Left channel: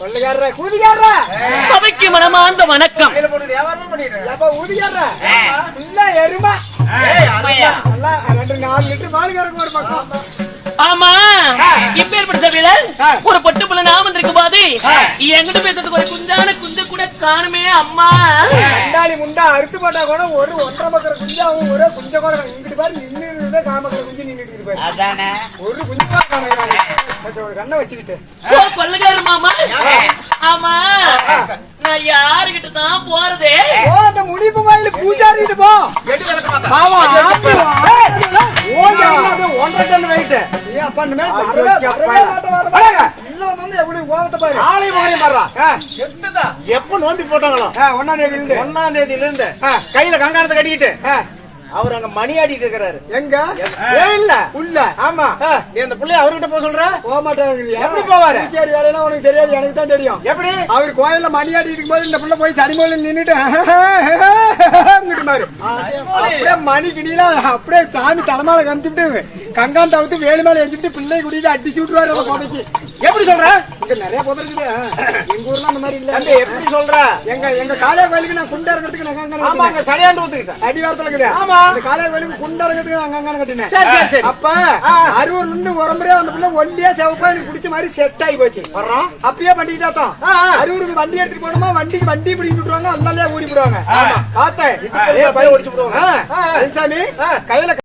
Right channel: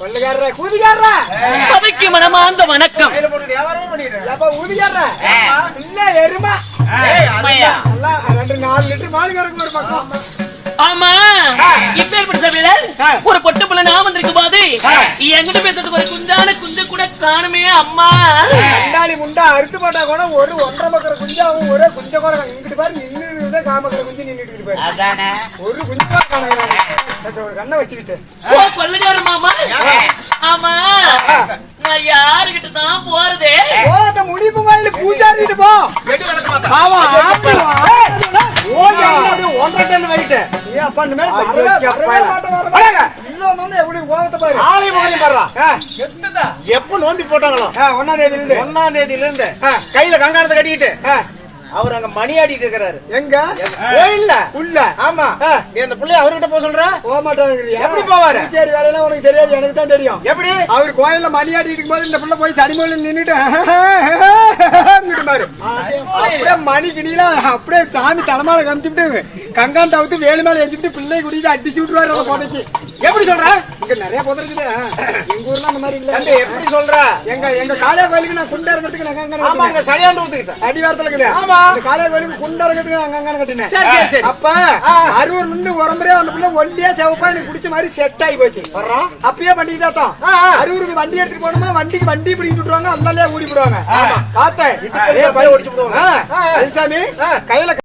கொள்ளுகாரர கூதிகாரர சபைக்கு மனமார்ந்த வணக்கம். இல்ல எருமா நல்லா 2-4 லிட்டர் பால் கறக்கும் ஒரு பக்கம். ஆமா இப்பேற்பட்ட சபையில ஒரு பொட்டு புள்ள நான் வந்திருக்கும் போது என்கிட்ட பேசுறதுக்கு ஒரு குஞ்சான குஞ்ச கூட காணுமே அம்மா. கண்டாளி முண்டா அறுத்து போட்டா கூட ஒரு 1.5 மக்கற குஞ்சாவும் ஒரே குஞ்ச கூட இங்கிட்டு பாரு நின்று காமக்கற குஞ்சு நின்னுட்டு பாரு. அதானே ஒரு குஞ்சா காணல. ஒரு கண்ணை வச்சுக்கிட்டு ஓ கொள்ளுகார மாமா. ஆமா நான் யாருகிட்ட தான் போறதே? போறத முடிப்பு கோயில பூஜாரிட்டு போ. பாவா ஓடி 1.5 டன் வெயிட். ஏ அப்பா இந்த மாதிரி வரவே இல்ல வந்து எப்படி ஓவத்த பாரு. ஆளை போறே பாறா. எத்ததா எப்ப நோண்டி போட்டாங்களோ 1ஆம் தேதியில இருந்து கையில கங்காரத்தை கட்டிக்கிட்டு அவர் அங்க மணி ஆடிட்டு இருக்காரு. எங்க இல்ல உள்ள? ஆமா. நீ அந்த பிள்ளைய அவர்கிட்ட போக சொல்ற? போக மாட்டாங்க. எப்படி போவாரு? சரி வேலையெல்லாம் உனக்கு தெரியாது, எனக்கு தான் தெரியும். எப்படி? அவர் கோயில்ல மணி ஆடிட்டு இருக்கும்போது இந்த பிள்ளை போய் சனிமொழியில் நின்னுட்டு பாரு அப்படியே மணி கிணியில அப்படியே சாமி தலைமையில கமிச்சுட்டு கங்கான் தவிர்த்து வேலு மேல எஞ்சிட்டு பிள்ளை குடிட்டு அடிச்சு விட்டுருவாரு அந்த புதைக்கு. எப்படி சொல்ற? இங்க நிறைய புதை இருக்குது. எங்க ஊர்ல அந்த மாதிரி இல்ல. எப்படி சொல்ற? எங்க காளையா கோயிலுக்கு நான் குண்டா இருக்கிறதுக்கு நான் சரியாண்டு ஊத்துக்கிட்டேன் அடிவாரத்துல இருக்குது. ஆமா காளையா கோயிலுக்கு குண்டா இருக்கிறதுக்கு நான் அங்க கட்டினேன். சரி சரி சரி. அப்ப அரூர்ல இருந்து உரம்புறே அந்த பிள்ளை ஒல்லியா செவப்பா எனக்கு பிடிச்ச மாதிரி செட் ஆகி போச்சு. அப்பயே பண்ணிக்கிட்டா தான் அரூருக்கு வண்டி எடுத்துட்டு போனோமா வண்டிக்கு வண்டி பிடிக்கிட்டு விட்டுருவாங்க, அல்லாலே ஓடி போடுவாங்க. பார்த்தேன் சாமி கையில